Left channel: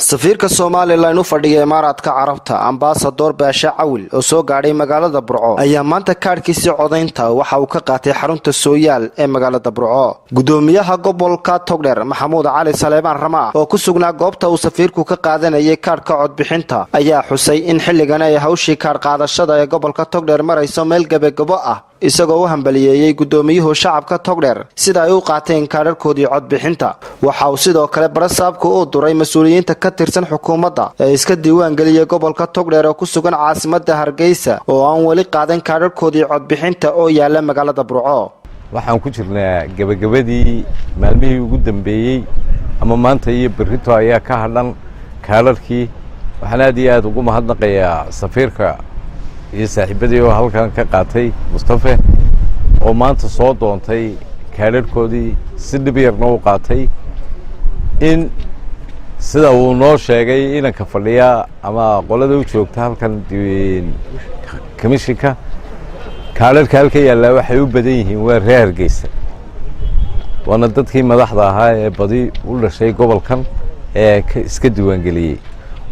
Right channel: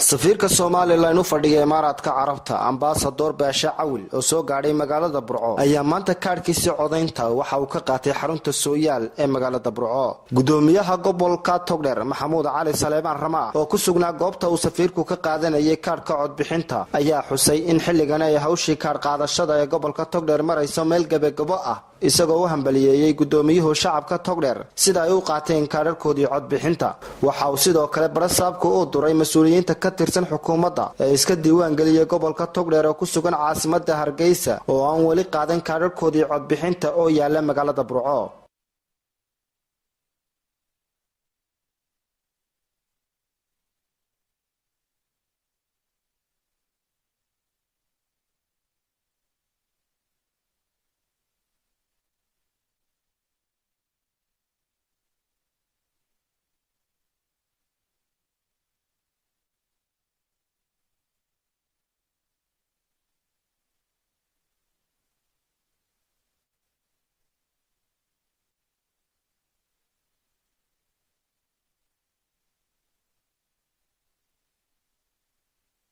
safiirka Soomaaliland u fadhiya Imaaraadka Carabta ambassador Baasha Cawil oo soo gaadhay magaalada Burco ayaa maanta kaarkiisa codaynta waxa uu ka qaatay xarunta Sooyaal ee magaalada Burco. Gudoomiyaha gobolka Togdheer Maxamuud Cali Saleebaan Rama oo ku sugnaa goobta uu safiirku ka qaadanayay kaarka codbixinta ayaa xusay in xilligan ay hawshii kaar qaadashada ee gobolka Togdheer marayso meel gabagabo ah isagoo u hambaliyeeyay gudoomiyuhu shacabka Togdheer sida ay u qaateen kaararkoodii codbixinta. Waxa uu sidoo kale barasaabku u duray mas'uuliyiinta ka tirsan xukuumadda ee iska diiwaan galiyay gobolka Togdheer oo ku sugan caasimadda Hargeysa oo aan wali qaadan kaararkoodii codbixinta oo yaala magaalada Burco. waxaan ku jirnaa gabagabadii maalmihii ugu dambeeyay ama maanta iyo berrito ayaa ka hadhan kaararkii. waxaan aad ugu mahadnaqayaa safiirka iyo saaxiibadii oo halkan ka qaatay Mustafa oo maanta soo doontay kaararkoodii si dhib yarna u qaatay in sida uu noo sheegay inanka fadhiya ama qolada u joogta halkan komishinka kaararka halka yaalla waxay u badan yihiin waa reer Hargeysa waana dadkii madaxda ahaa ee badi u dhashay gobolkan ee iska diiwaan galiyay.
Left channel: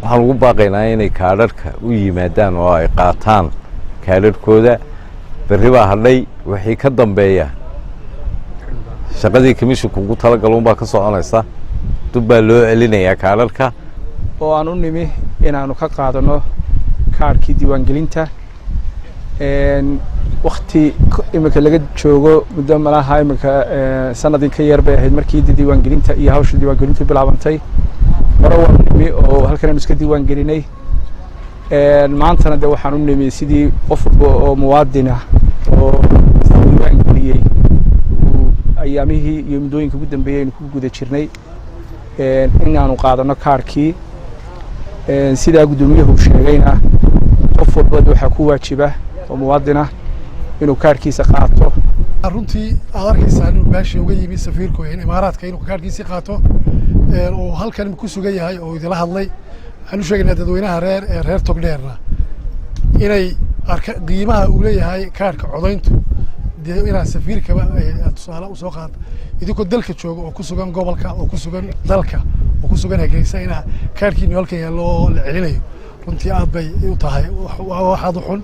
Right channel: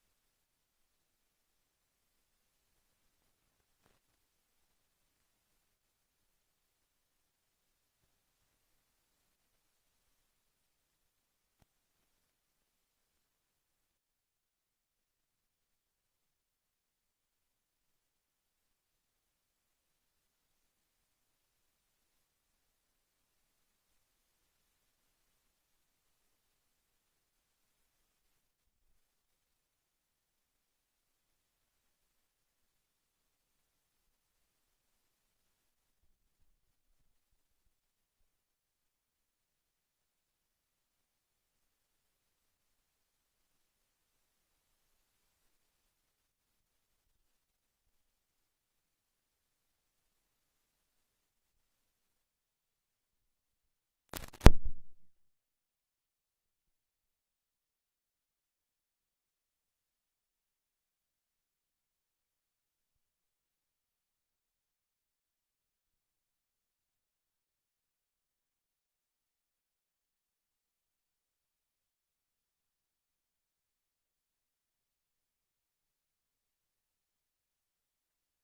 waxaan ugu baaqaynaa inay kaararka u yimaadaan oo ay qaataan kaararkooda. berri baa hadhay wixii ka dambeeya shaqadii komishinku ugu talagaluun baa ka soconaysa. dub baa loo celinayaa kaararka oo aan u nimi inaanu ka qaadano kaarkii diiwaangelinta waqti imika laga joogo muddo malaha imika sanadii ka yar bay ahayd markii diiwaangelinta iyo hawsha diiwaangelintu bilaabantay. hore waan nimi oo halkan iska diiwaan gelinay maantana de waxaan u nimi sidii qof oo muwaadin ah oo diiwaan geliyay ayaamihii iyo muddooyinka ugu dambeeyay ku guda jirnay inaanu qaadano kaarkii sida gudoomiyuhu sheegayna qof walba waxa ku waajiba oo muwaadin ah inuu kaarkiisa qaato. runtii adarkiisa inuu baashi uga yimi safiirku in Imaaraadka inuu kaarkiisa qaato oo halkan ku sugan yahay oo idila hadlay. waxaan u sheegaynaa dadweynaha reer Togdheerna inay qiimaha uu leeyahay kaarka codayntu inaa safiirkaba tusaale u soo qaad idinku dalka jooga oo ku sugan gobolka oo ku sugan dalka oo ku sugan Hargeysa inaa kaarkiina halkan yaalo la celinayo runtii aad bay u tahay waxaad u xun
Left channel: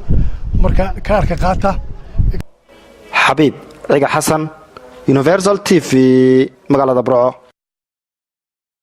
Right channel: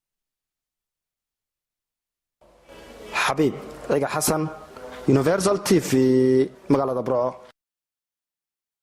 marka kaarka qaata. Xabiib Ciga Xasan Universal TV magaalada Burco.